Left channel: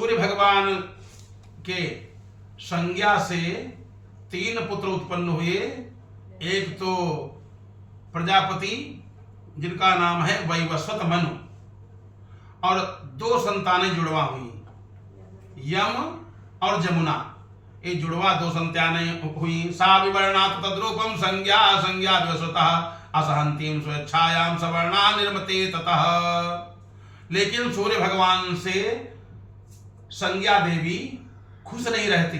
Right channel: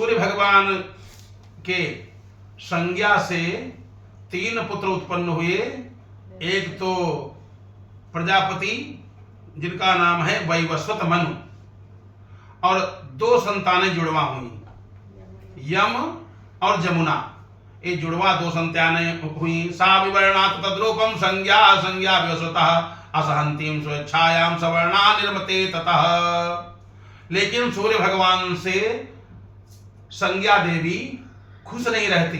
सूर्य भगवान के संज्ञा से 3 पुत्र उत्पन्न हुए। एक तो प्रजापति जिनका नाम है वैवस्वत मनु, और 2 संतानें जुड़वा हुई, यम और जमुना। ये जुड़वा 2 संतानें हुई। सा विवर्णात तद्रूपम संज्ञा संज्ञा व्यसुतः असहंतीम स्वेच्छायाम सवर्णा निर्मते ततः। लेकिन सूर्य भगवान से संज्ञा देवी खुश नहीं रहती।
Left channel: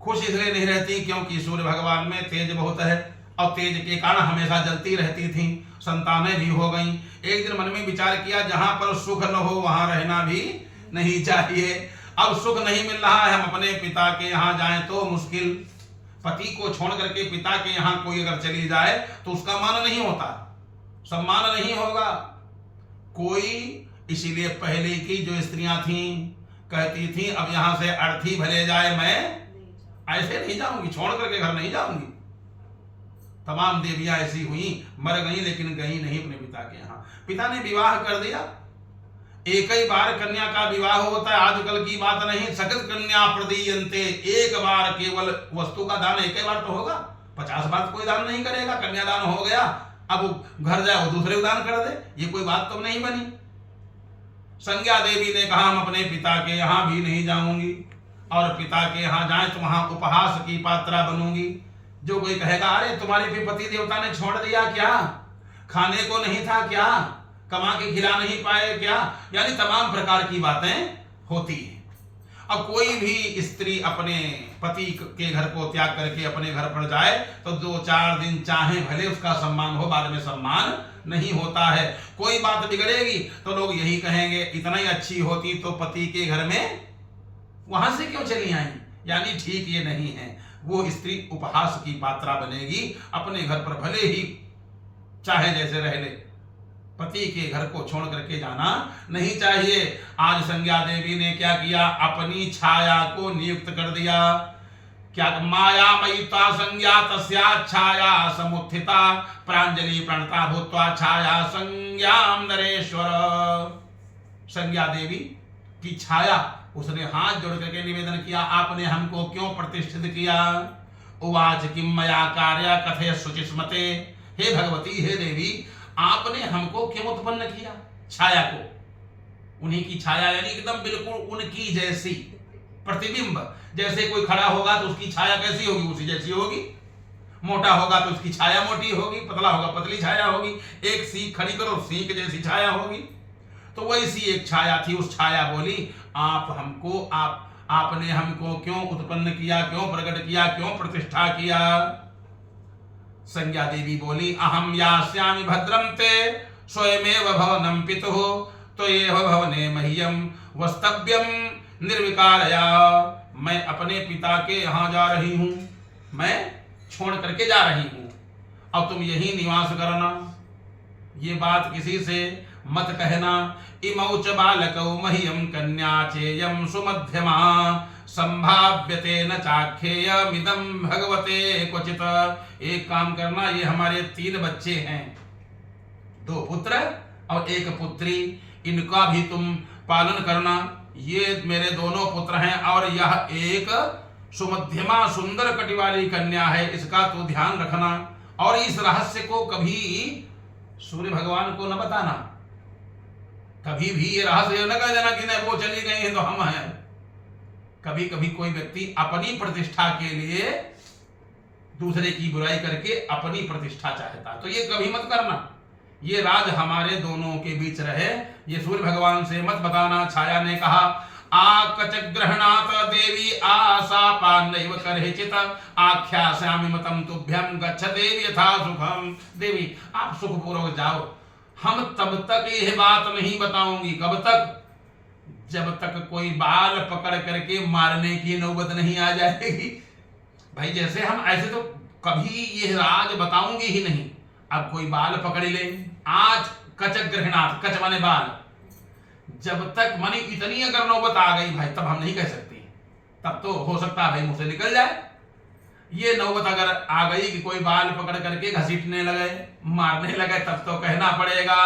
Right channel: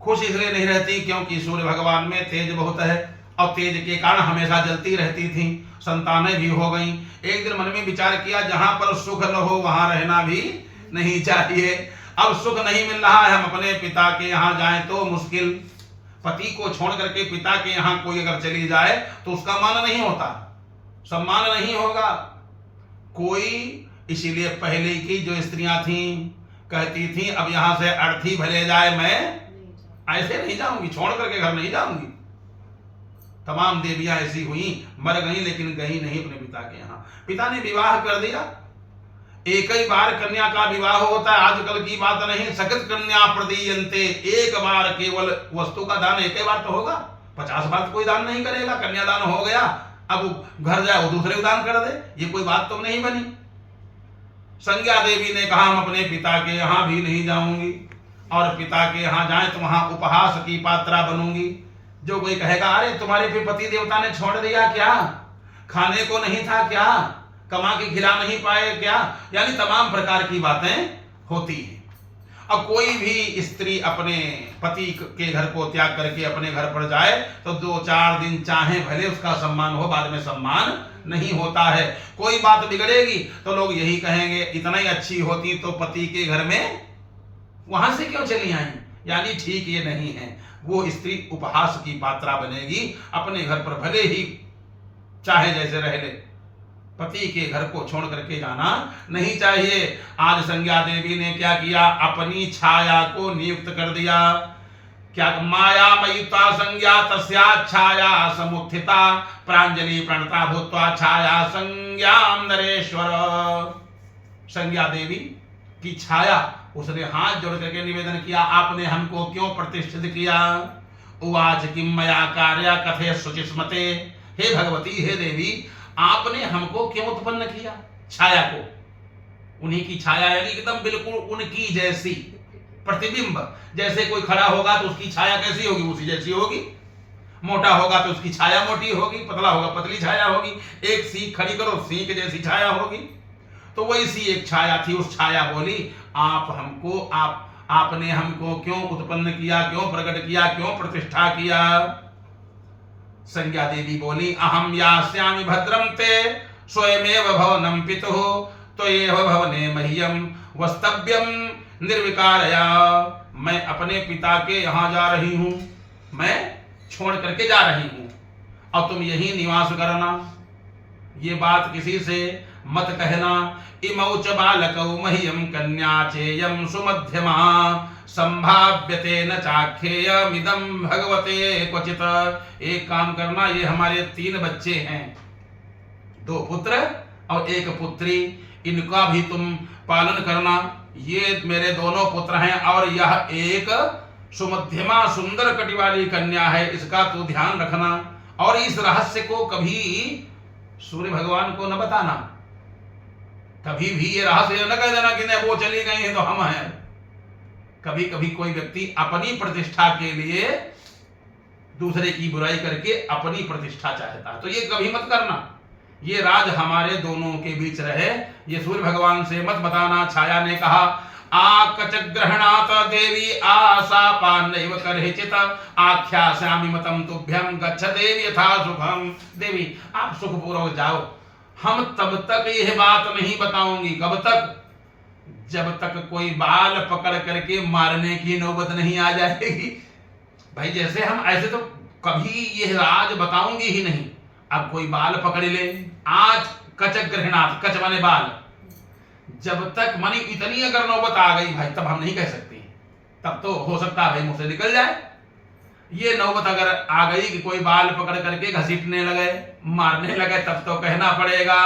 खुश इसलिए नहीं रहती क्योंकि सूर्य भगवान में तेज बहुत है, और तेज के कारण हमेशा जलती रहती थी। संतानें भी हो गईं। एक दिन मन में विचार किया, जहां पर सुख न हो वहां रहना भी नहीं चाहिए। अब सुख नहीं मिल रहा है, हम अपने पिता के यहाँ जाएं तो मुश्किल। पति को छोड़ करके पिता के यहाँ कोई अगर चली जाए तो उसका मान नहीं होता, सम्मान नहीं होगा कोई। इसीलिए पहले की जो स्त्रियां थीं कहती थीं, अब यहां से अर्थी भले जाए मैं ऐसे नहीं जाऊंगी, छोड़ करके घर नहीं जाऊंगी। तमाम देवियां ऐसी हुई, मर गई लेकिन गई नहीं अपने पिता के यहाँ। पिता ने विवाह कर दिया। एक ही बार कन्या का विवाह होता है, आजकल की बात नहीं। सकृत कन्या प्रदीयन्ते, एक बार केवल वस्तु का दान एक ही बार तो होगा, 50 बार तो कोई दान नहीं करेगा। कन्यादान हो गया, अब घर जाए वो दूसरे को दान कर दे, ये कोई बात तो नहीं बनी। संज्ञा देवी ने कहा, हम अपने पिता के यहाँ भी नहीं जाऊंगी, और पिता के यहाँ जाए तो वहां उपहास की पात्रा बनूंगी। जो कोई कहेगा, अरे तुम्हारे भी पति देवता ने छोड़ दिया क्या, खाने को नहीं था क्या, कमा के खिला नहीं पाए क्या, यानी तमाम प्रकार की बातें होती हैं। और कोई भी स्त्री अपने पति के घर को त्याग करके अपने घर पर जाए तो 2-4 दिन चाहे भले उसका सम्मान हो, बाद में सम्मान नहीं होता है। कोई बात बिगड़ेगी तो लोग यही कहेंगे, इतना ही अच्छी होती तो पति के घर में वहां से क्यों चली आई। यानी ठीक ये नहीं है, वो स्त्री उपहास की पात्रा बनेगी। अपने घर पर भले ही चाहे जैसे रह ले, पति के घर को छोड़ करके जाना नहीं चाहिए। आज संज्ञा देवी ने क्या किया, अपनी छाया को नियुक्त कर दिया। क्या माया मयित्वा संज्ञा तस्या छाया समुत्थिता प्रांजलि प्रणता भूत्वा छाया संज्ञाम नरेश्वर। संज्ञा देवी की छाया, उसने हाथ जोड़ करके निवेदन किया, आपने हमको क्यों प्रतिष्ठित किया। उवाच किम मया कार्या कथे शुचिस्मते। हे भगवती, हे देवी, आपने हमको क्यों उत्पन्न किया। छाया को, उन्हीं की छाया यानी एकदम बिल्कुल उनकी जैसी प्रतिबिंब। जैसे कोई खड़ा होगा तो उसकी छाया कैसी होगी, उसी जैसी होगी। मोटा होगा तो उसकी छाया मोटी होगी, पतला होगा पतली छाया होगी। एक सीख खड़ी करो, सीख जैसी छाया होगी। तो वैसी एक छाया थी। उस छाया बोली, आपने हमको क्यों उत्पन्न किया, क्यों प्रकट किया, क्यों प्रतिष्ठा किया। संज्ञा देवी बोली, अहम यास्यामि भद्रम ते स्वयमेव भवनम पितुः त्वयेव भवने मह्यम वस्तव्यम निर्विकारया। मैं अपने पिता के यहाँ जा रही हूँ, मैं छोड़ करके जा रही हूँ, अब तुम यही निवास करना। ये बात किसी से मत कहना। इमौ च बालकौ मह्यम कन्या चेयम सुमध्यमा संभाव्यते न चाख्येयमिदं भगवते क्वचित। एक काम करना, ये हमारे 3 बच्चे हैं, 2 पुत्र और 1 पुत्री, इनका भी तुम पालन करना। ये मेरे दोनों पुत्र हैं और यह एक सुमध्यमा सुंदर कटी वाली कन्या है, इसका तो ध्यान रखना। और इस रहस्य को कभी सूर्य भगवान को न बताना। कभी भी ये रहस्य न कह देना कि नहीं वो चली गई है तो हम हैं। कभी कभी कोई व्यक्ति अपनी प्रतिष्ठा के लिए दूसरे की बुराई करके अपनी प्रतिष्ठा चाहता है, तो ये कभी मत करना। ये राज हमारे दोनों के बीच रहे, ये सूर्य भगवान से मत बताना। छाया ने कहा, आकच ग्रहणात देवी आशापान नैव करहिचित आख्यास्यामि मतम तुभ्यम गच्छ देवी यथा सुखम। देवी आप सुखपूर्वक जाओ, हम तब तक यह बात नहीं बताऊंगी। कब तक, जब तक कोई बाल पकड़ करके मारने की नौबत नहीं आ जाएगी। भाई जैसे हम ऐसे तो कभी यह राज बताऊंगी ही नहीं। अब कोई बाल पकड़ ले, आज कच ग्रहणात, कच माने बाल, जब तक मानी इतनी अगर नौबत आ गई भाई तब हम नहीं कह सकती। तब तो हो सकता है भाई मुंह से निकल जाए। ये नौबत अगर आ गई कि कोई बाल पकड़ करके घसीटने लगे, मारने लगे, तब तो कहना पड़ेगा,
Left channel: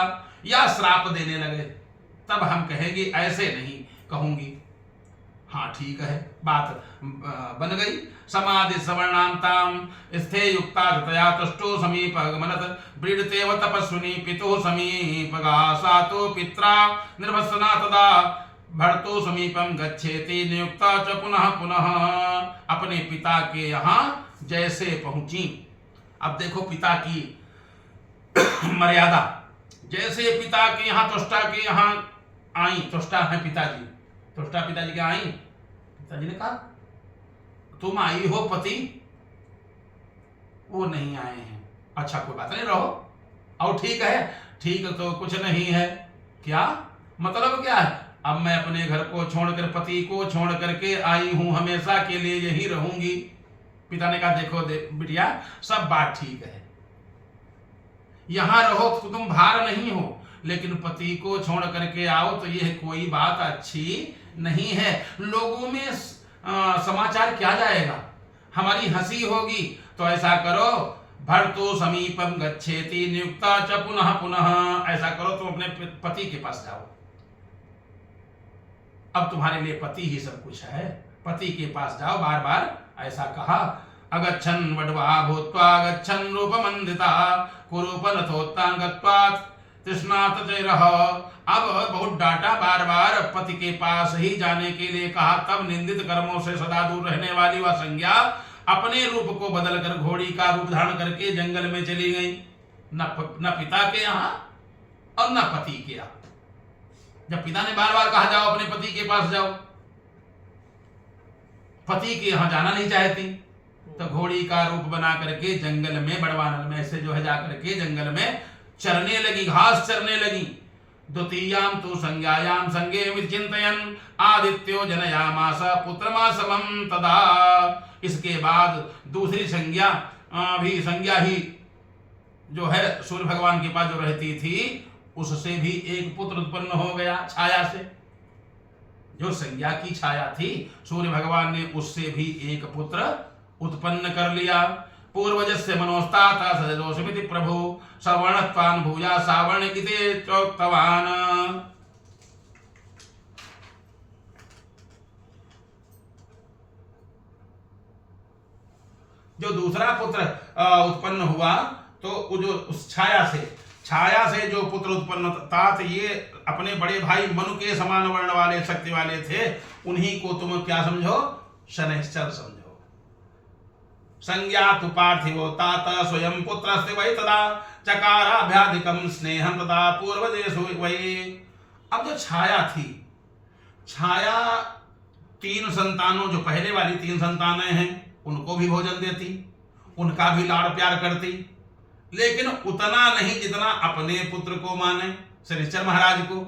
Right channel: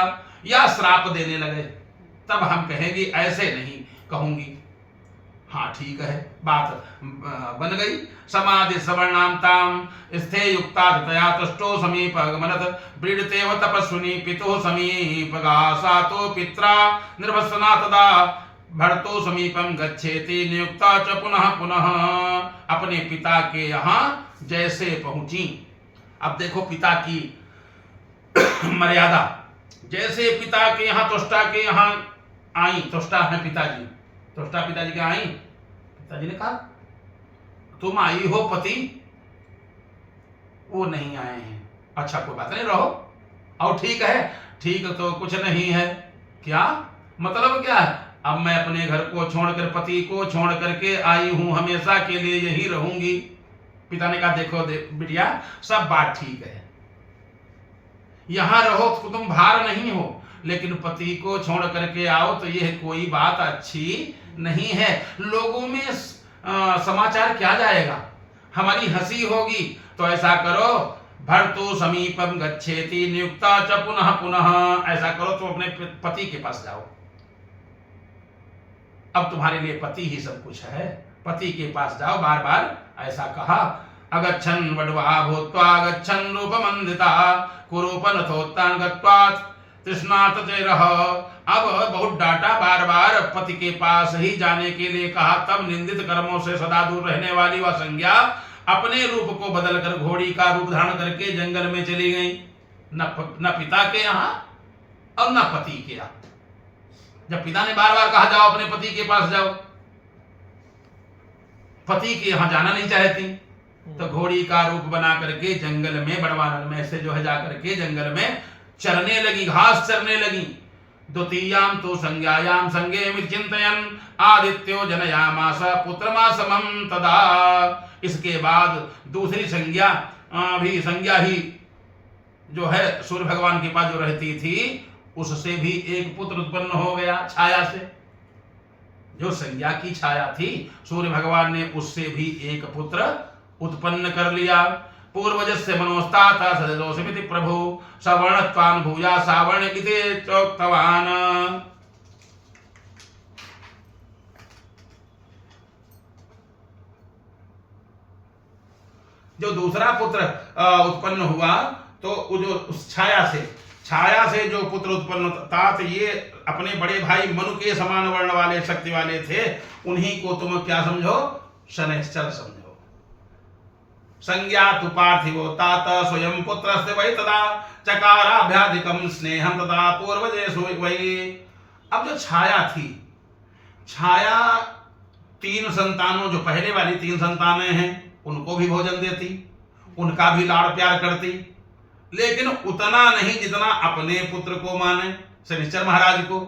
या श्राप देने लगे तब हम कहेंगे, ऐसे नहीं कहूंगी। हाँ ठीक है, बात बन गई। समाधि सवर्णाम ताम स्थे युक्ता तया तुष्टो समीप गमनत व्रीडतेव तपस्विनी पितुः समीप सातो पित्रा निर्वसना तदा भर्तो समीपम गच्छेति नियुक्ता च पुनः पुनः। अपने पिता के यहाँ जैसे पहुंची, अब देखो पिता की मर्यादा, जैसे पिता के यहाँ तुष्टा के यहाँ आई, तुष्टा है पिताजी, तुष्टा पिताजी के आई, पिताजी ने कहा तुम आई हो पति, वो नहीं आए हैं, अच्छा कोई बात नहीं रहो, और ठीक है, ठीक तो कुछ नहीं है, क्या मतलब क्या है, अब मैं अपने घर को छोड़कर पति को छोड़ करके आई हूं, हमेशा के लिए यही रहूंगी। पिता ने कहा देखो बिटिया सब बात ठीक है, यहां रहो तो तुम भार नहीं हो, लेकिन पति को छोड़ करके आओ तो यह कोई बात अच्छी नहीं है, लोगों में समाचार क्या जाएगा, हमारी हंसी होगी, तो ऐसा करो भर्तु समीपम गच्छेति नियुक्ता च पुनः पुनः, ऐसा करो तुम अपने पति के पास जाओ, अब तुम्हारे लिए पति ही सब कुछ है, पति के पास जाओ, बार बार ऐसा कहा। अगच्छन् वड्वा भूत्वा गच्छन् रूपमन्दिता कुरूपनथोत्तान गत्वा तृष्णात चैरः, अब बहुत डांटा, बार बार पति के पास ही जाने के लिए कहा, तब निंदित कर्मों से सदा दूर रहने वाली वह संज्ञा अपने रूप को बदलकर घोड़ी का रूप धारण करके जंगल में चली गई, न पिता के यहाँ और न पति के यहाँ। जब पिता ने बार बार कहा जाओ अपने पति के पास जाओ, पति के यहां जाना नहीं चाहती, तो घोड़ी का रूप बना करके जंगल में बड़वानन में से जो है जाकर के जंगल में चरने लगी, घास चरने लगी। द्वितीयाम तो संज्ञायाम संगे विचिंतयन् आदित्यो जनयामास पुत्रमासमं तदा, इसके बाद दूसरी संज्ञा भी संज्ञा ही जो है सूर्य भगवान के पास जो रहती थी उससे भी एक पुत्र उत्पन्न हो गया, छाया से, जो संज्ञा की छाया थी सूर्य भगवान ने उससे भी एक पुत्र उत्पन्न कर लिया। पूर्वजस्य मनोस्तात् सजदोषमिति प्रभु सवर्णत्वान् भूया सावर्ण इति चोक्तवान्। जो दूसरा पुत्र उत्पन्न हुआ तो जो उस छाया से जो पुत्र उत्पन्न तात, ये अपने बड़े भाई मनु के समान वर्ण वाले शक्ति वाले थे, उन्हीं को तुम क्या समझो, शनैश्चर समझो। संज्ञा तु पार्थिवो तात स्वयं पुत्रस्य वै तदा चकाराभ्याधिकं स्नेहं तदा पूर्वजेषु वै। अब जो छाया थी, छाया तीन संतानों, जो पहले वाली तीन संतानें हैं उनको भी भोजन देती, उनका भी लाड़ प्यार करती, लेकिन उतना नहीं जितना अपने पुत्र को माने, शनिश्चर महाराज को।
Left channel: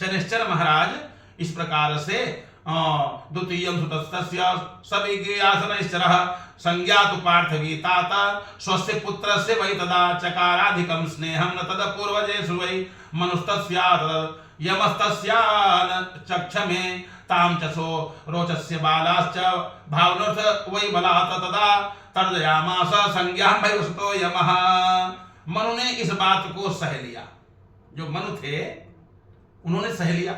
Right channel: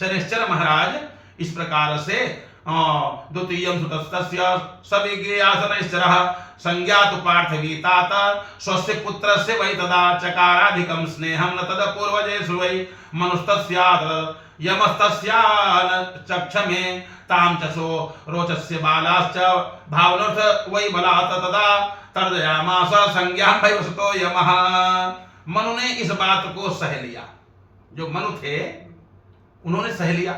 शनिश्चर महाराज इस प्रकार से द्वितीयं सुतस्तस्य सविज्ञेया शनैश्चरः संज्ञातु पार्थवी तात स्वस्य पुत्रस्य वै तदा चकाराधिकं स्नेहं न तद पूर्वजेषु वै मनुस्तस्यात् यमस्तस्या चक्षमे तां च सो रोचस्य बालाश्च भावनोऽर्थ वै बलात् तदा तर्जयामास संज्ञा वैवसतो यमः। मनु ने इस बात को सह लिया, जो मनु थे उन्होंने सह लिया,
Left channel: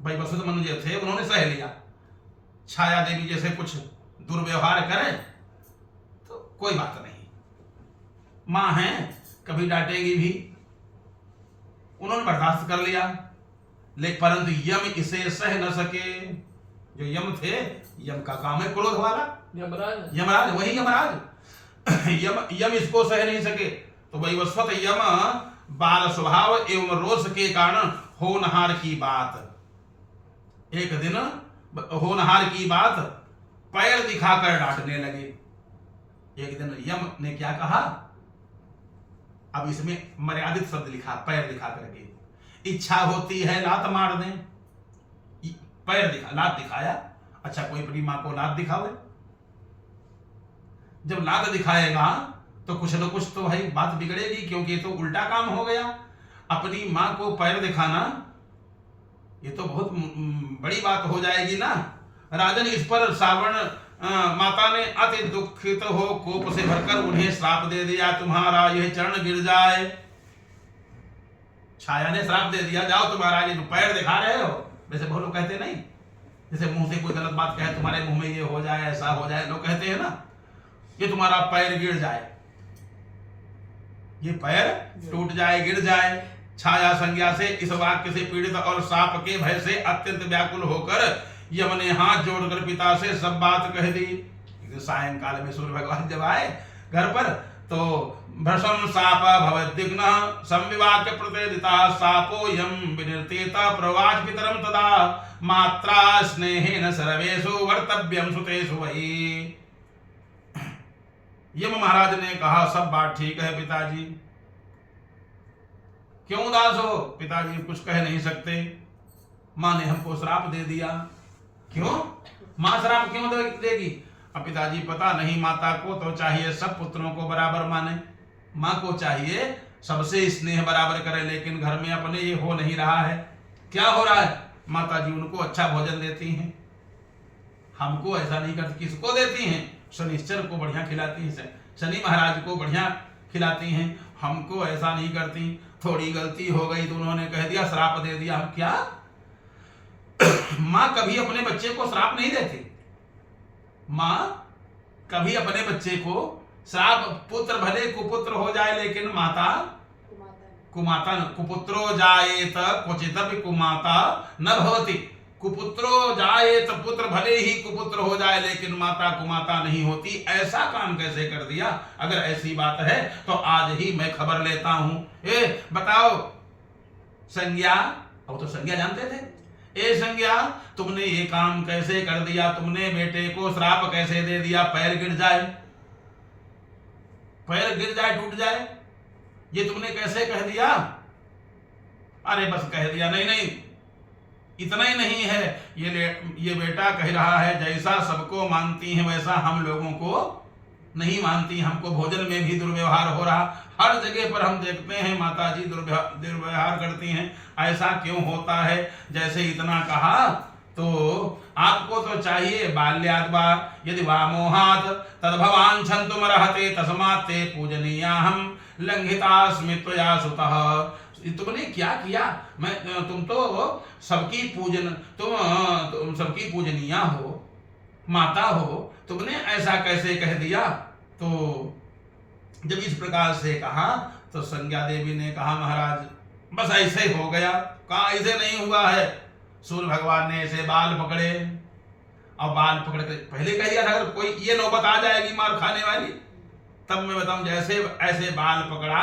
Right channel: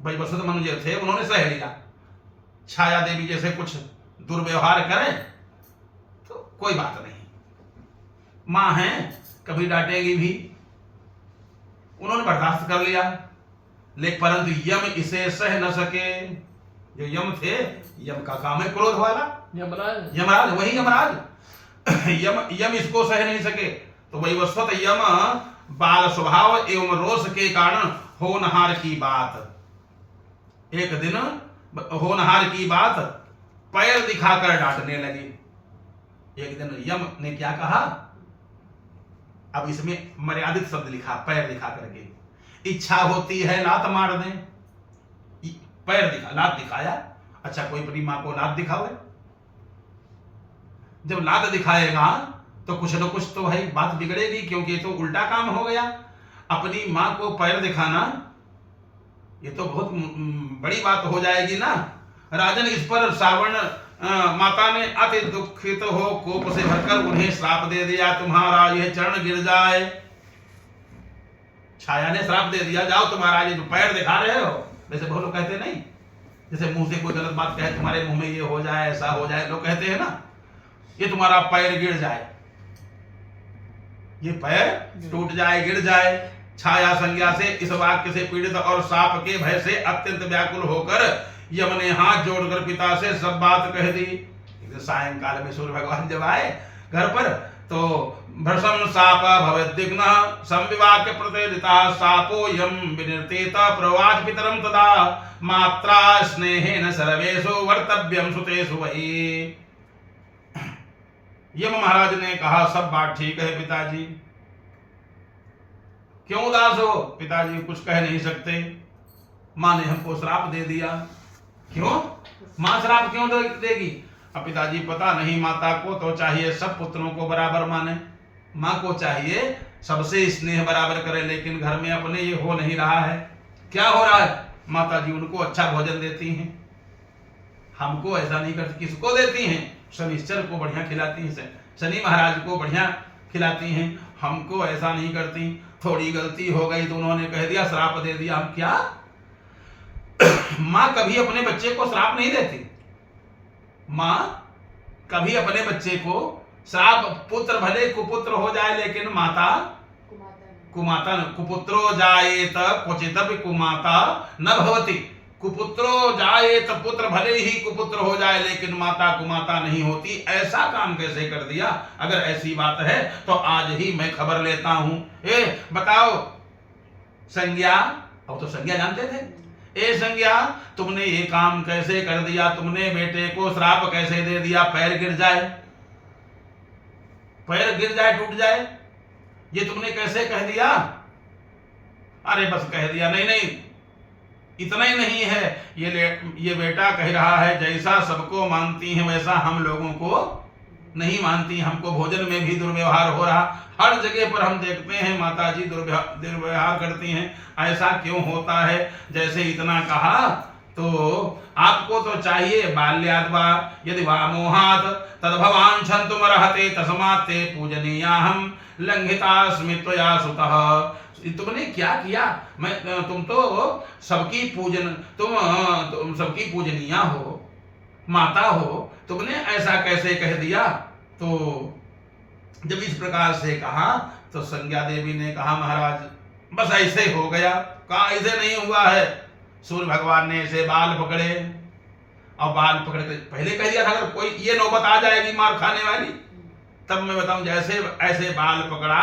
वैवस्वत मनु जो थे उन्होंने सह लिया। छाया देवी जैसे कुछ दुर्व्यवहार करें तो कोई बात नहीं, मां है कभी डांटेगी भी, उन्होंने बर्दाश्त कर लिया, लेकिन परंतु यम इसे सह न सके। जो यम थे, यम का काम है क्रोध वाला, यमराज वही यमराज यम इसको सह नहीं सके, तो वैवस्वत यम बाल स्वभाव एवं रोष के कारण होनहार की बात, एक दिन होनहार की बात पैर दिखाकर डांटने लगे। एक दिन यम ने क्या कहा, अब इसमें मर्यादित शब्द लिखा, पैर दिखा करके, इच्छा होती है लात मार दें, पैर दिखा, लात दिखाया, अच्छा कोई अपनी मां को लात दिखावे, जब लात दिखाएगा तो कुछ न कुछ तो भाई बात बिगड़ेगी, क्योंकि तो उल्टा काम हो गया। अपनी मां को पैर दिखाना ये तो बहुत बड़ी बात हो जाएगी ना। राजन इस पर सावर्ण माता ने अति दुखित हो कोप से भरकर उन्हें श्राप दे दिया, तुम्हारा यह चरण गिर जाए। छाया ने श्राप दे दिया, जाओ तुम्हारा ये जो पैर दिखा रहे हो, वैसे बहुत लोग कहते नहीं, जैसे मुंह से कोई गलत बात कहे, तुम्हारे मुंह में ये हो जाए, ऐसा हो जाए, लोग कहते हैं ना, ये तुम्हारा पैर गिर जाए, ये पैर टूट जाए, गिर जाए। छाया संज्ञा से इस वाक्य से पीड़ित और साप के भय से अत्यंत व्याकुल होकर यम ने हाथ जोड़कर पिता से सब बात कह दी। सायंकाल में सूर्य भगवान जब आए घर पर, तो भ्रशम साप भवद्विघ्न संविवाक्य प्रतिदिता सापो यम विनिर्तेत प्रवाच पितरम तदा मात्रा स्नेहेन सर्वेषु वर्तव्यम सुतेषु वही। यम महाराज ने कहा, सब बात ठीक है पिताजी, क्यों उदास हो? पिताजी कुछ कह नहीं सकते, माँ ने हमको श्राप दे दिया। क्यों? माँ श्राप क्यों देगी? अब पिताजी पता नहीं, माता को तो चाहिए सब पुत्रों को बराबर माने, माँ को चाहिए सबसे स्नेह बराबर करे, लेकिन घर में अपने ये हो नहीं रहा है। क्या हो रहा है? माता जी उनको अच्छा भोजन देती हैं, हमको ऐसा नहीं करती। किसको देती हैं? शनिश्चर को बढ़िया खिलाती हैं, शनि महाराज को बढ़िया खिलाती हैं, हमको ऐसा नहीं करती। थोड़ी गलती हो गई तो उन्होंने कह दिया, श्राप दे दिया। हम क्या? माँ कभी अपने बच्चे को श्राप नहीं देती, माँ कभी अपने बच्चे को श्राप, पुत्र भले कुपुत्र हो जाए लेकिन माता कुमाता न, कुपुत्रो जायेत क्वचिदपि कुमाता न भवति। कुपुत्रो जायेत, पुत्र भले ही कुपुत्र हो जाए लेकिन माता कुमाता नहीं होती। ऐसा काम कैसे कर दिया? अगर ऐसी बात है तो आज ही मैं खबर लेता हूं। बताओ संज्ञा, अब तो संज्ञा जानते थे। संज्ञा, तुमने ये काम कैसे कर दिया? तुमने बेटे को श्राप कैसे दे दिया? पैर गिर जाए, पैर गिर जाए, टूट जाए, ये तुमने कैसे कह दिया? अरे बस कह दिया। नहीं नहीं, इतना ही नहीं है, ये बेटा कह रहा है जैसा सबको मानती है वैसा हम लोगों को नहीं मानती, हमको भोजन में भी दुर्व्यवहार हो रहा, हर जगह पर हम देखते हैं माता जी दुर्व्यवहार करती हैं, ऐसा क्यों होता है? जैसे इतना कहा तो आपको तो चाहिए बाल्याद् वा यदि वा मोहात् तद्भवान् क्षन्तुमर्हते तस्मात् ते पूजनीयाहं लंघितास्मि त्वया सुतः। तुमने क्या किया? तुम तो सबकी तुम सबकी पूजनीय हो, माता हो, तुमने ऐसा कैसे कह दिया? तो जब इस प्रकार से कहा तो संज्ञा देवी ने कहा, महाराज बस ऐसे हो गया। कहा ऐसे नहीं हुआ है, सूर्य भगवान ने ऐसे बाल पकड़े, और बाल पकड़ कर पहले कह दिया था अगर कोई ये नौबत आ जाएगी मार खाने वाली तब मैं बताऊं, जैसे ऐसे बाल पकड़ा,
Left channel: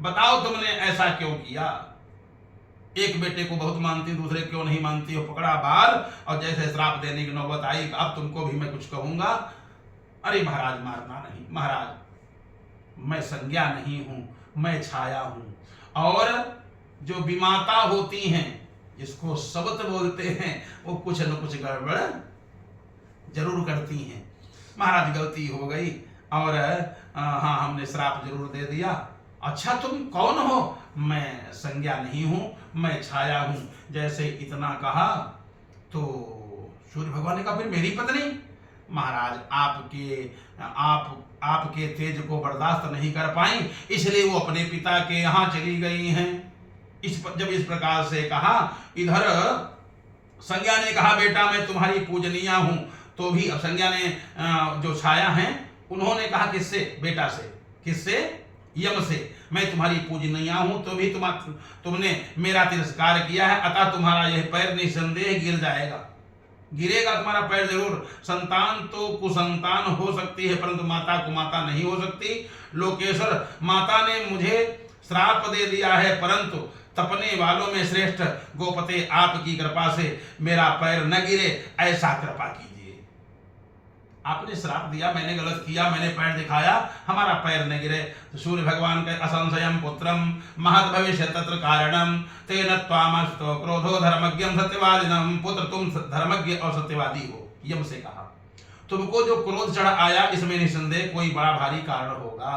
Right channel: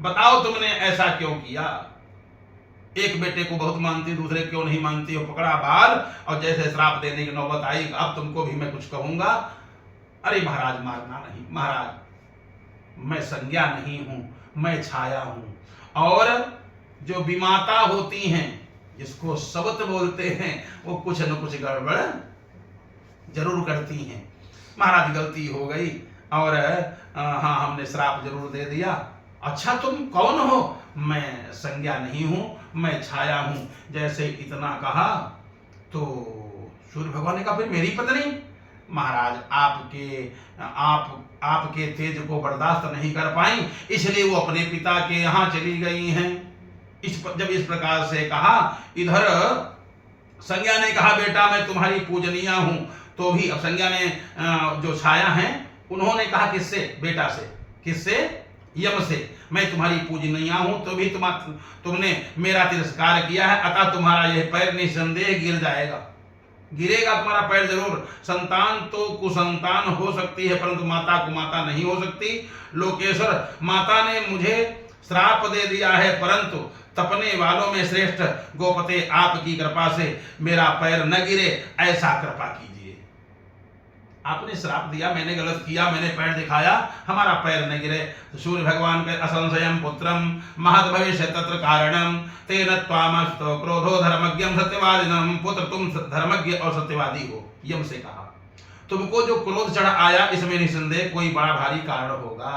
बताओ तुमने ऐसा क्यों किया? एक बेटे को बहुत मानती, दूसरे क्यों नहीं मानती हो? पकड़ा बाल और जैसे श्राप देने की नौबत आई, अब तुमको भी मैं कुछ कहूंगा। अरे महाराज मारना नहीं, महाराज मैं संज्ञा नहीं हूं, मैं छाया हूं, और जो विमाता होती हैं जिसको सबत बोलते हैं वो कुछ न कुछ गड़बड़ जरूर करती हैं। महाराज गलती हो गई और हाँ हमने श्राप जरूर दे दिया। अच्छा तुम कौन हो? मैं संज्ञा नहीं हूं, मैं छाया हूं। जैसे इतना कहा तो सूर्य भगवान ने कहा फिर मेरी पत्नी? महाराज आपके तेज को बर्दाश्त नहीं कर पाई, इसलिए वो अपने पिता के यहाँ चली गई हैं। जब इस प्रकार से कहा, इधर संज्ञा ने कहा बेटा मैं तुम्हारी पूजनीय हूं, तो भी अब संज्ञा ने जो छाया है उन्होंने कहा किससे? बेटा से। किससे? यम से। मैं तुम्हारी पूजनीय हूं, तो भी तुमने मेरा तिरस्कार किया है, अतः तुम्हारा यह पैर निसंदेह गिर जाएगा, गिरेगा तुम्हारा पैर जरूर। संतान तो कुसंतान हो सकती है परंतु माता कुमाता नहीं हो सकती। लोकेश्वर, माता ने मुझे श्राप दे दिया है परंतु तपने वालों में श्रेष्ठ गोपते आपकी कृपा से मेरा पैर न गिरे, ऐसा कृपा कीजिए। आपने श्राप दिया, मैंने गलत किया, मैंने पैर दिखाया, हमारा पैर न गिरे। तो सूर्य भगवान के असंशयम पुत्रम महद भविष्य तत्र कारणम तेन त्वामस्तो क्रोधो धर्मज्ञम सत्यवादिनम। पुत्र तुम धर्मज्ञ और सत्यवादी हो, यम से कहा। तुमको जो क्रोध चढ़ आया इसमें निसंदेह कोई बड़ा भारी कारण होगा।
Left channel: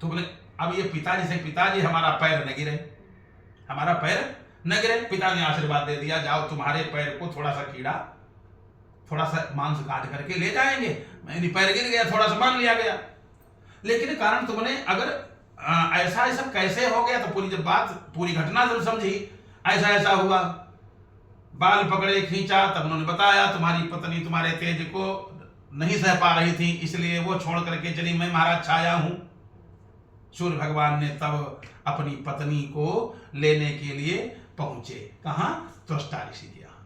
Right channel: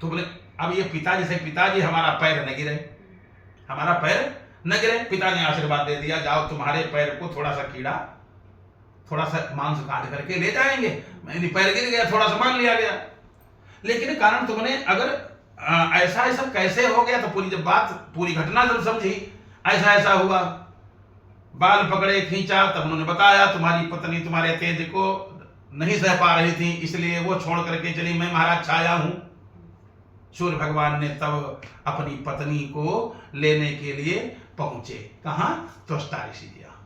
तुमने अब ये पिताजी से, पिताजी हमारा पैर न गिरे, हमारा पैर न गिरे। पिता ने आशीर्वाद दे दिया, जाओ तुम्हारे पैर को थोड़ा सा कीड़ा, थोड़ा सा मांस काट करके ले जाएंगे। मैंने पैर गिर गया, थोड़ा सा मान लिया गया, लेकिन कारण तुमने अगर ऐसा ऐसा कैसे हो गया, तो पूरी जब बात पूरी घटना जब समझी, ऐसा ऐसा हुआ बाल पकड़े खींचा, तब उन्होंने बताया तुम्हारी पत्नी तुम्हारे तेज को नहीं सह पा रही थी, इसलिए वो छोड़ करके चली, मैं महाराज छाया हूं। सूर्य भगवान ने तब अपनी पत्नी को लेने के लिए पहुंचे। कहां? त्वष्टा ऋषि के यहाँ।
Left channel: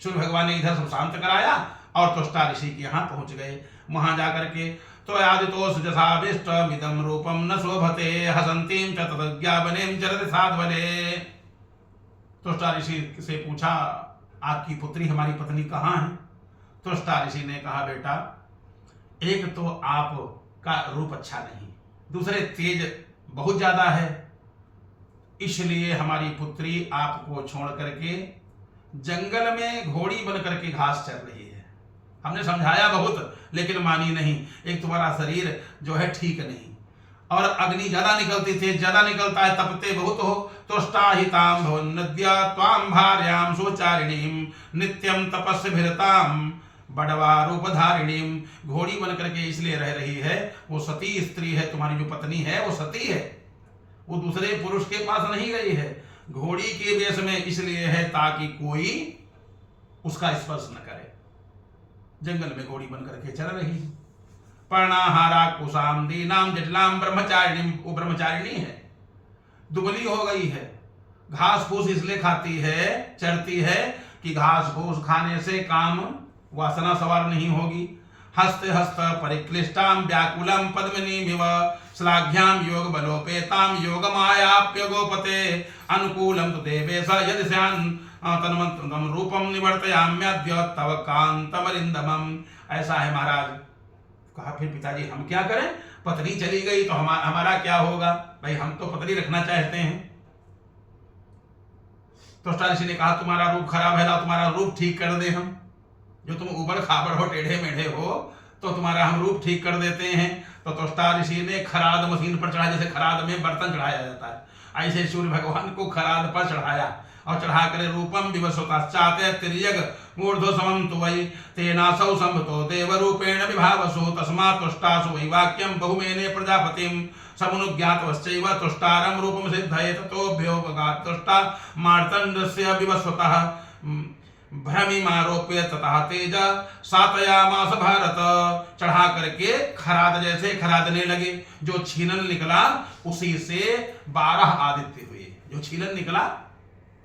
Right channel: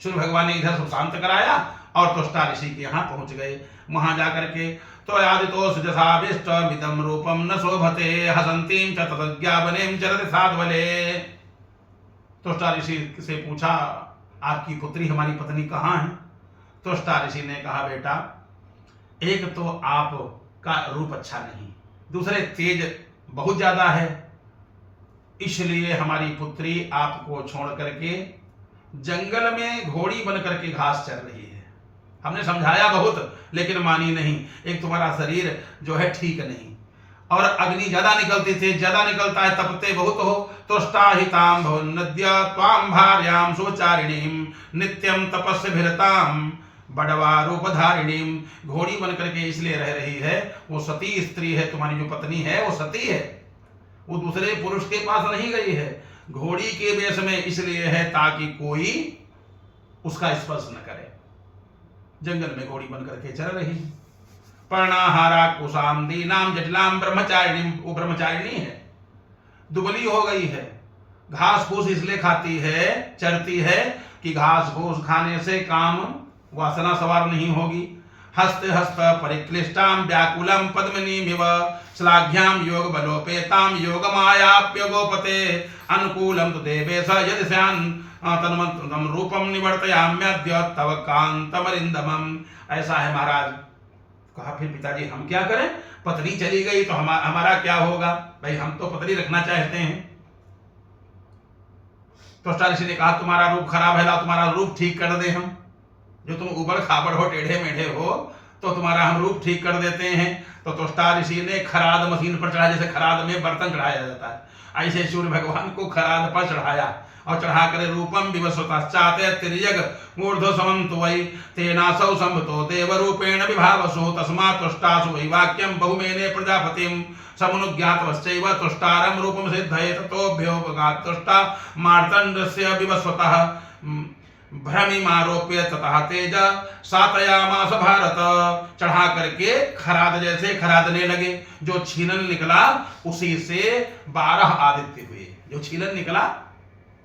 सूर्य भगवान ने इधर सब शांत कराया और त्वष्टा ऋषि के यहाँ पहुंच गए। वहां जाकर के तो आदितो सुजसाभिष्टमिदं रूपम न शोभते हसंतीं च तदज्ञापनें चरति साध्वले। त्वष्टा ऋषि से पूछा, आपकी पुत्री हमारी पत्नी कहाँ है? त्वष्टा ऋषि ने कहा, बेटा एक तो आपका रूप अच्छा नहीं, दूसरे तेज बहुत ज्यादा है, इसलिए हमारी पुत्री आपको छोड़ करके जंगल में घोड़ी बन करके घास चर रही है। हमने समझाया बहुत लेकिन मानी नहीं। एक तुम्हारा शरीर जो है ठीक नहीं, और अग्नि ज्यादा निकलती थी, ज्यादा निकलता है, तपते बहुत हो। तुष्टाहितां भवन्नद्य त्वां भार्यां सुचारिणीं नित्यं तपस्भिरतां बड़वा रूपधारिणीं। घोड़ी बन करके इसलिए रह रही है, वो सती स्त्री है, तुम्हारी जो पत्नी है वो सती है, वो दूसरे पुरुष के पास नहीं गई है, घोड़ी के वेश में इसलिए है ताकि कोई उसका स्पर्श न करे। जंगल में घोड़ी बन करके चल रही है। पर्णाहारा कुशाम दीनाम जटिलाम ब्रह्मचारिणी, वो ब्रह्मचारिणी है, दुबली हो गई है, घास फूस इसलिए खाती है, चरती है कि घास फूस खाने से काम वासना सवार नहीं होगी। हस्त हस्त परिक्लिष्टाम व्याकुलम पद्मनीमिव श्लाघ्याम योग बलोपेताम योग मायाप्य गोपते अनुकूलम तु देवेश यदि स्यान् तन्मन्त्रम रूपम निवर्तयाम्यद्य तव कांतमरिंदमम। ऐसा है महाराज। कहा, फिर पिताजी हम क्या करें? पत्नी चली गई तो हमारा क्या होगा? भाई हम तो पत्नी रखना चाहते हैं। त्वष्टा ऋषि ने कहा, तुम्हारा रूप खराब है, लाओ तुम्हारा रूप ठीक कर दे हम। जो तुम उबड़ खाबड़ हो, टेढ़े मेढ़े हो, तो तुम्हारा हम रूप ठीक कर देते हैं। तो त्वष्टा ऋषि ने खराद मशीन पर चढ़ा, जैसे खराद में बर्तन चढ़ाया जाता है, ऐसे सूर्य भगवान को खराद पर चढ़ाया और चढ़ा कर रूपम विवस्वताश्चाते तिर्यग ऊर्ध्व समं तु वै तेनासौ संभतो देव रूपेण विभावसो तस्मात् त्वष्टासु वै वाक्यं बहुमेने प्रजापतिं समुनुज्ञातवश्चैव त्वष्टारं रूपं सिद्धये ततोऽभ्योपगात् त्वष्टा मार्तण्डस्य विवस्वतः भ्रमिमारोप्य ततः तेज सातयामास भारत। चढ़ा करके खराद जैसे खरादने लगे, जो छीलन निकला उसी से 12 आदित्य हुए। जो छीलन निकला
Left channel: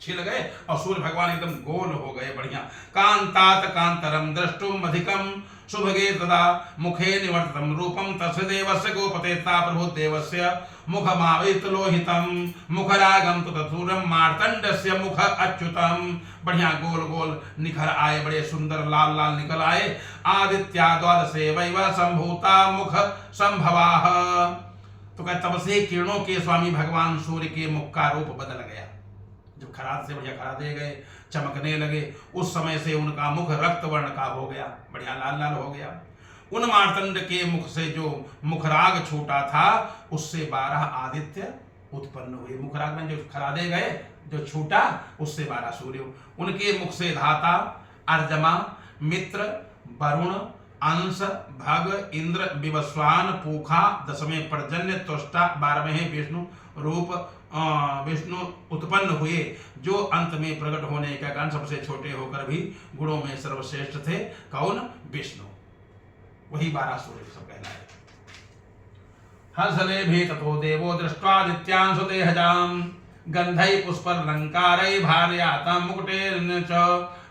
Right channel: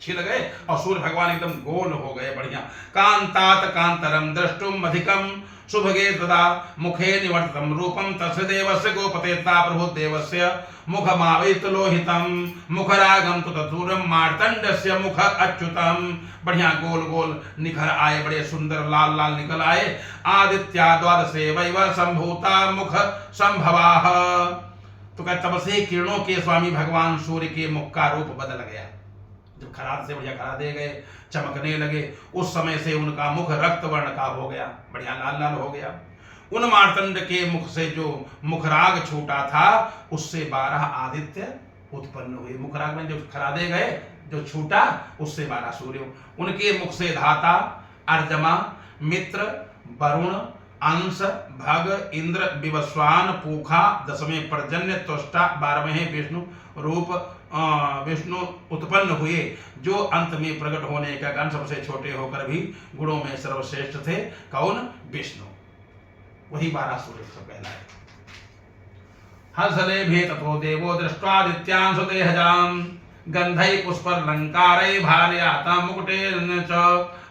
छिल गए और सूर्य भगवान एकदम गोल हो गए, बढ़िया। कांतात कांतरम द्रष्टुम अधिकम शुभगे तदा मुखे निवर्तम रूपम तस्य देवस्य गोपतेता प्रभु देवस्य मुखमावित लोहितम मुखरागम तु तथूरम मार्तंडस्य मुख अच्युतम। बढ़िया गोल गोल निखर आए, बड़े सुंदर लाल लाल निकल आए। आदित्या द्वादशे वैव संभूता मुख संभवाः। तो कहते तब से किरणों के स्वामी भगवान सूर्य के मुख का रूप बदल गया। जब खराद से बढ़िया खरादे गए, चमकने लगे, उस समय से उनका मुख रक्त वर्ण का हो गया, बढ़िया लाल लाल हो गया। उन मार्तंड के मुख से जो मुखराग छूटा था उससे 12 आदित्य उत्पन्न हुए। मुखराग में जो खरादे गए, जो छूटा उससे 12 सूर्य। उनके मुख से धाता, अर्जमा, मित्र, वरुण, अंश, भग, इंद्र, विवस्वान, पूखा, 10वें पर्जन्य, त्वष्टा, 12वें विष्णु रूप विष्णु उत्पन्न हुए, जो अंत में प्रकट होने का कारण सबसे छोटे होकर भी गुणों में सर्वश्रेष्ठ थे। कौन? विष्णु। वही 12 सूर्य सब कहलाए। हर्षले भी ततो देवो दृष्ट्वादित्यान् सुदेहजाम् गंधै पुष्पलंकारै भार्यातां मुकुटेन च।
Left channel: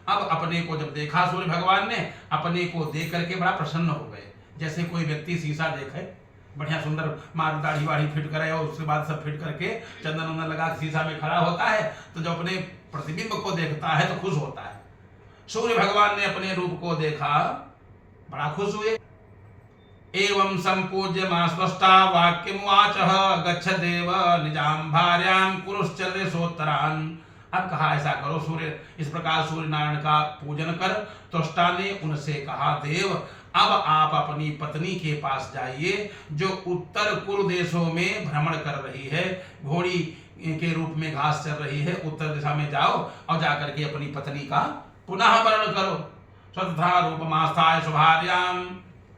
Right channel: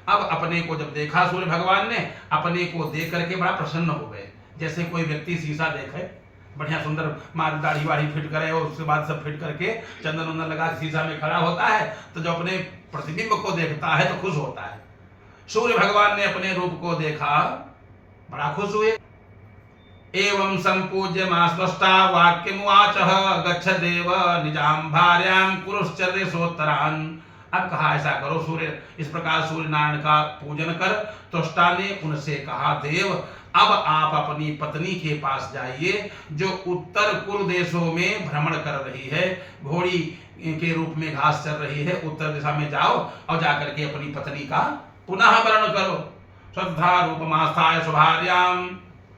अब अपने को जब देखा सूर्य भगवान ने, अपने को देख करके बड़ा प्रसन्न हो गए। जैसे कोई व्यक्ति शीशा देखे, बढ़िया सुंदर दाढ़ी वाढ़ी फिट करे और उसके बाद सब फिट करके चंदन वंदन लगा शीशा में खड़ा होता है, तो जो अपने प्रतिबिंब को देखता है तो खुश होता है। सूर्य भगवान ने अपने रूप को देखा, बड़ा खुश हुए। एवं संपूज्य मास्वष्टा वाक्यमुवाचः गच्छ देव निजाम भार्यां कुरुश्चर्यसोत्तरान्। अब कहा ऐसा करो सूर्य, इस प्रकार सूर्य नारायण का पूजन कर। त्वष्टा ने उनसे कहा, देव अब आप अपनी पत्नी के पास जाइए, जो उत्तर कुरु देशों में भ्रमण कर रही है, घोड़ी के रूप में घास चल रही है। उत्तर दिशा में जाओ और जाकर के अपनी पत्नी का पुनः वर्ण करो। श्रद्धा रूपमास्थाय स्वभार्यां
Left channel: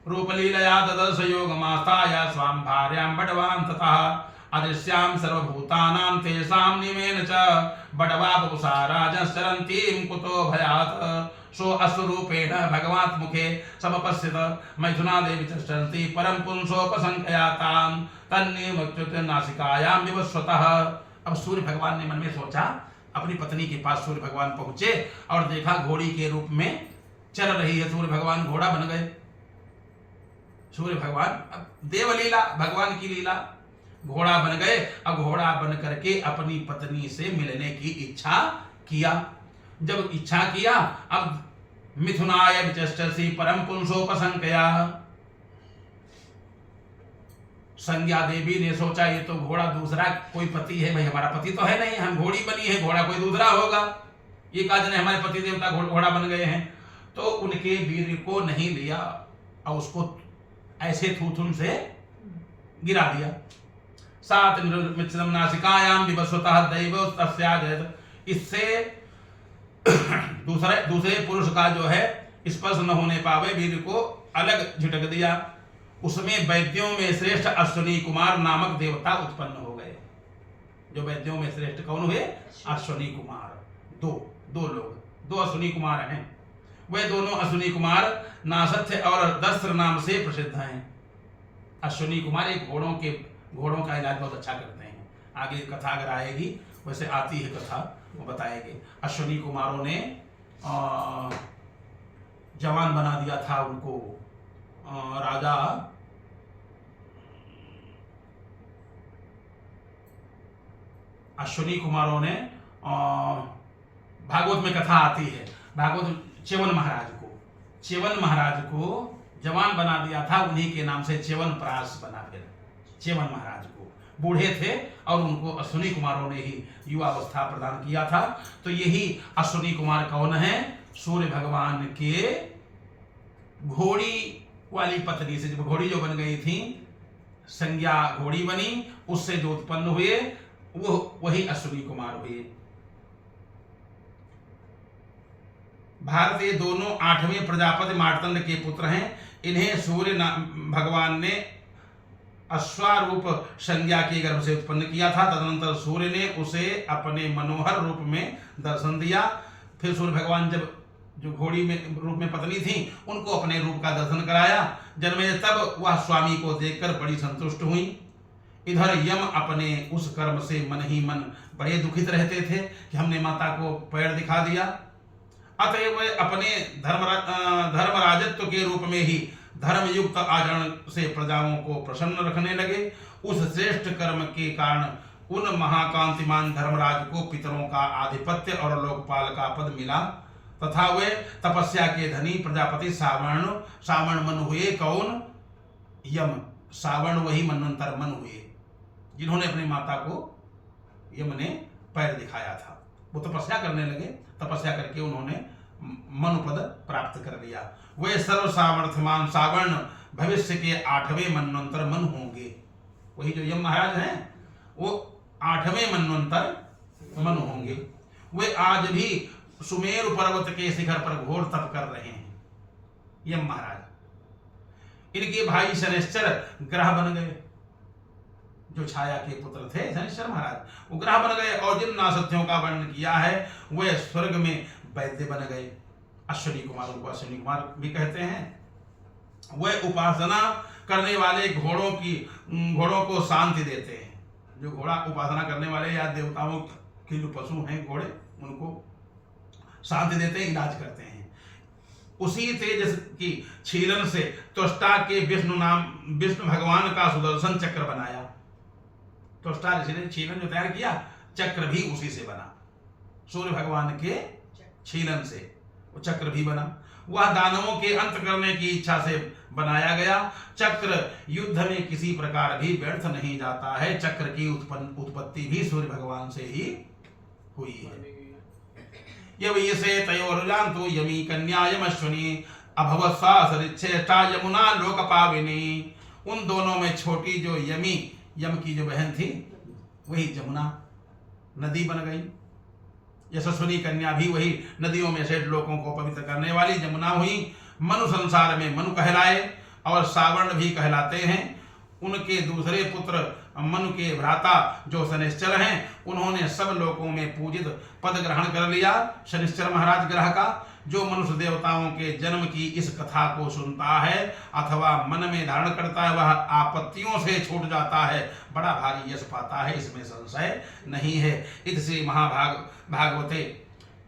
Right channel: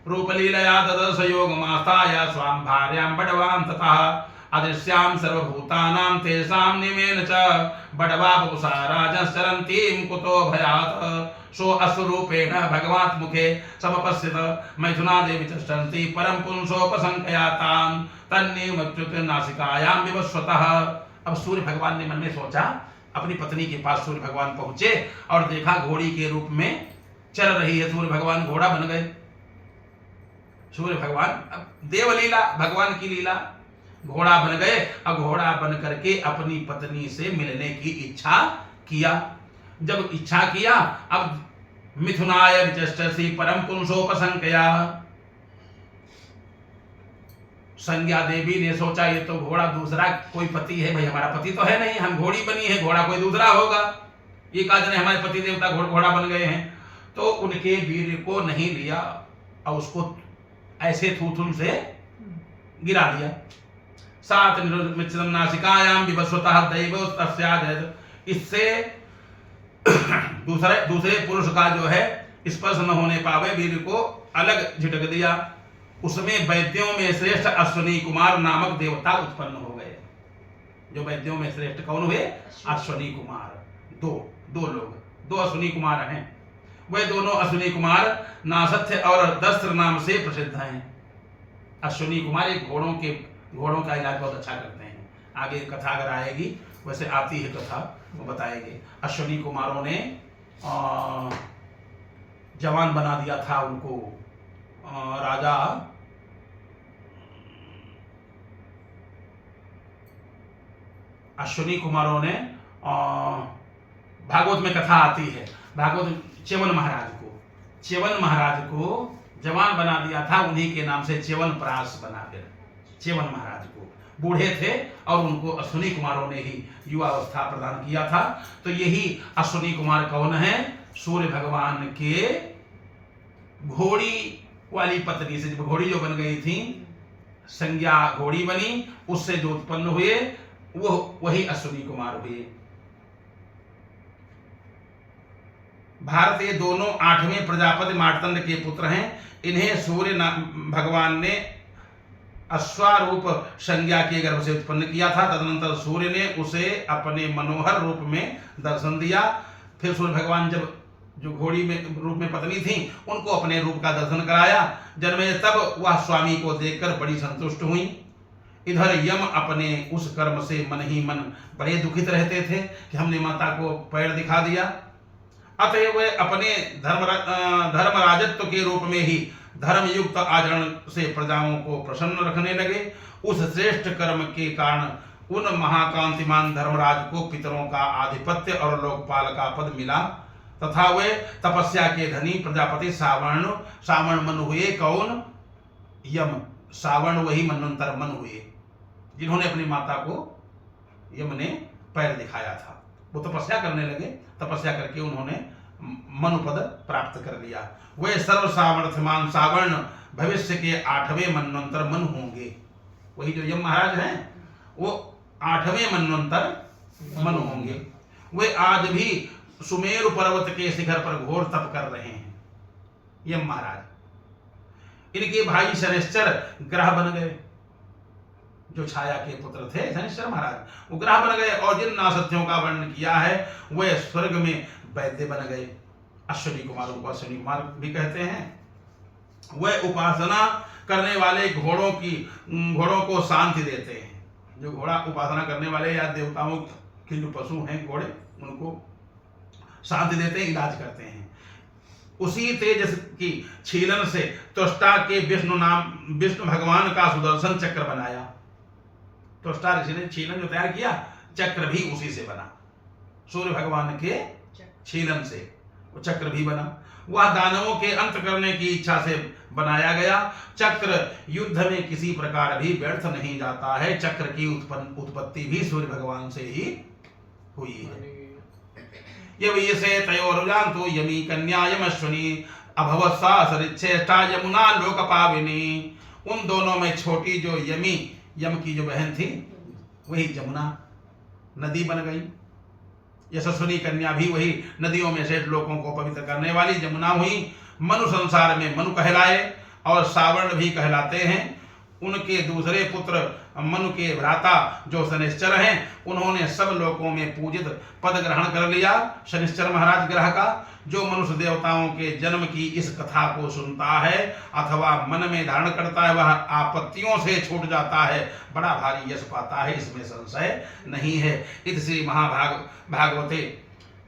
रूपलीलया ददर्श योगमास्थाय स्वां भार्यां बडवां ततः अदृश्यां सर्वभूतानां तेषां निमेन च बडवा वपुषा राजश्चरन्तीं कुतो भयात् सो अस्वरूपेण भगवात् मुखे समपश्यत मैथुनादेवी तिष्ठन्ति परम पुंसोपसंख्यातां तन्निमच्युत नासिकायां विवस्वतः। अब सूर्य भगवान ने मन में सोचा, अपनी पत्नी के पास सूर्य भगवान पहुंचे और देखा घोड़ी के रूप में चल रही है। सूर्य भगवान घोड़ा बन गए। सूर्य भगवान, अब देवलीला, भगवान की लीला, घोड़ा बन गए। अब घोड़ा बन करके अपनी पत्नी से मिलने की इच्छा किया। जब इच्छा किया, अब मिथुनाय विचष्टसि परम पुंसोपसंख्या, संज्ञा देवी ने सोचा ये तो घोड़ा दूसरा कोई पति है, भाई हमारा पति तो है नहीं, हम घोड़ी बनी है, घोड़ा कोई दूसरा होगा। ये कहा जाने हमारे पति देवता घोड़ा बन गए हैं। तो उनके वीर को नहीं लिया और उसको ऐसे थूथुन से गिरा दिया। सात मित्रम नासिकायाम विवस्वतः दैव तस्याद। इससे दूसरे पुरुष का जो है स्पर्श न होने पावे वीर को अलग झिटक दिया। उसमें वैद्यों में श्रेष्ठ अश्विनी कुमार नामक देवता उत्पन्न हो गए। जो वैद्यों में श्रेष्ठ कौन हुए? अश्विनी कुमार। दो अश्विनी कुमार हैं। वे दोनों अश्विनी कुमार नासथ्य और दस्त्र नाम से प्रसिद्ध हैं। अश्विनी कुमार एक घोड़ों का इलाज बहुत अच्छा करते हैं। आगे कथा अगर आएगी, वैसे आती है कथा, वो बताएंगे। अश्विनी कुमारों ने जवान बना दिया था उनको राजा अश्विनी कुमारों ने भागवत में कथा आती है। भागवत च्यवन महाराज को जवान बना दिया था। उन्हीं के नाम से च्यवनप्राश बना। फिर च्यवन महाराज को बूढ़े थे और उनको अश्विनी कुमारों ने ही युवावस्था प्रदान किया था। तो यही अश्विनी कुमार कौन है? सूर्य भगवान के घोड़ी वाली पत्नी से, घोड़ी जो बन गई थी, संज्ञा घोड़ी बनी, उससे जो उत्पन्न हुए वो वही अश्विनी कुमार हुए। भारत ये दोनों 8वें प्रजापति मार्तंड के पुत्र हैं। इन्हें सूर्य भगवान ने अश्वारूप संज्ञा के गर्भ से उत्पन्न किया था। तदनंतर सूर्य ने उसे अपने मनोहर रूप में दर्शन दिया। फिर सूर्य भगवान जब जो घोड़ी में रूप में पत्नी थी, उनको अपने रूप का दर्शन कराया। जन्मे तब वह स्वामी को देखकर बड़ी संतुष्ट हुई। इधर यम अपने उस कर्म से मन ही मन बड़े दुखित रहते थे कि हमने माता को पैर दिखा दिया। अतएव वे अपने धर्मराजत्व के रूप में ही धर्मयुक्त आचरण से प्रजाओं को प्रसन्न रखने लगे। उस श्रेष्ठ कर्म के कारण उन महाकांतिमान धर्मराज को पितरों का आधिपत्य और लोकपाल का पद मिला तथा वे तपस्या के धनी प्रजापति सावर्ण मन हुए। कौन? यम। सावर्ण वही मनवंतर मन हुए जिन्होंने अपनी माता को यम ने पैर दिखाया था। वो तपस्या करने लगे। तपस्या करके उन्होंने मनुपद प्राप्त कर लिया। वे सर्व सामर्थ्यमान सावर्ण भविष्य के 8वें मनवंतर मन होंगे। वही जो यम महाराज हैं वो 8वें मनवंतर मन होंगे। वे आज भी सुमेरु पर्वत के शिखर पर घोर तप कर रहे हैं। यम महाराज, इनके भाई शनिश्चर ग्रह बन गए। जो छाया के पुत्र थे शनिश्चर महाराज, वो ग्रह बन गए और जिन नासत्यों का वर्णन किया है वे स्वर्ग में वैद्य बन गए। अश्विनी कुमारों को अश्विनी कुमार भी कहते हैं। वे उपासना करने वाले घोड़ों को शांति देते हैं। जो घोड़ा उपासना करने वाले या देवताओं के जो पशु हैं घोड़े, उनको शांति देते हैं, इलाज करते हैं। उसी तेज की छीलन से त्वष्टा के विष्णु भगवान का सुदर्शन चक्र बनाया। त्वष्टा ऋषि ने छीलन जो तैयार किया, चक्र भी उसी से बना। सूर्य भगवान के छीलन से वो चक्र भी बना। वह दानवों के अंत करने की इच्छा से बनाया गया। चक्र युद्ध में किसी प्रकार भी व्यर्थ नहीं जाता है। चक्र की उत्पत्ति भी सूर्य भगवान से ही हुई है। ये से तयोरुजान तो यमी कन्या यमश्विनी अभवत सा सरिच्छेष्टा यमुना लोक पाविनी। उन दोनों में छोटी जो यम की जो बहन थी वही जमुना नदी बन गई। यशस्विनी कन्या भी वही नदियों में से लोगों को पवित्र करने वाली जमुना हुई। मनु संसार में मनु कहलाए और सावर्ण भी कहलाते हैं। उनके दूसरे पुत्र मनु के भ्राता जो शनिश्चर हैं, उन्होंने सब लोकों में पूजित पद ग्रहण कर लिया। शनिश्चर महाराज ग्रह का जो मनुष्य देवताओं के जन्म की इस कथा को सुनता है अथवा मन में धारण करता है, वह आपत्तियों से छूट जाता है, बड़ा भारी यश पाता है, इसमें संशय नहीं है। इति श्री भागवते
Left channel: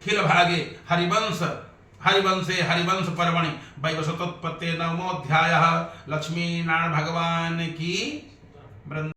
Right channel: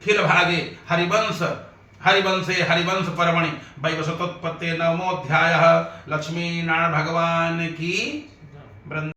खिल भागे हरिवंशे हरिवंश पर्वणि वैवस्वतोत्पत्ते नवमोऽध्यायः। लक्ष्मी नारायण भगवान की वृंद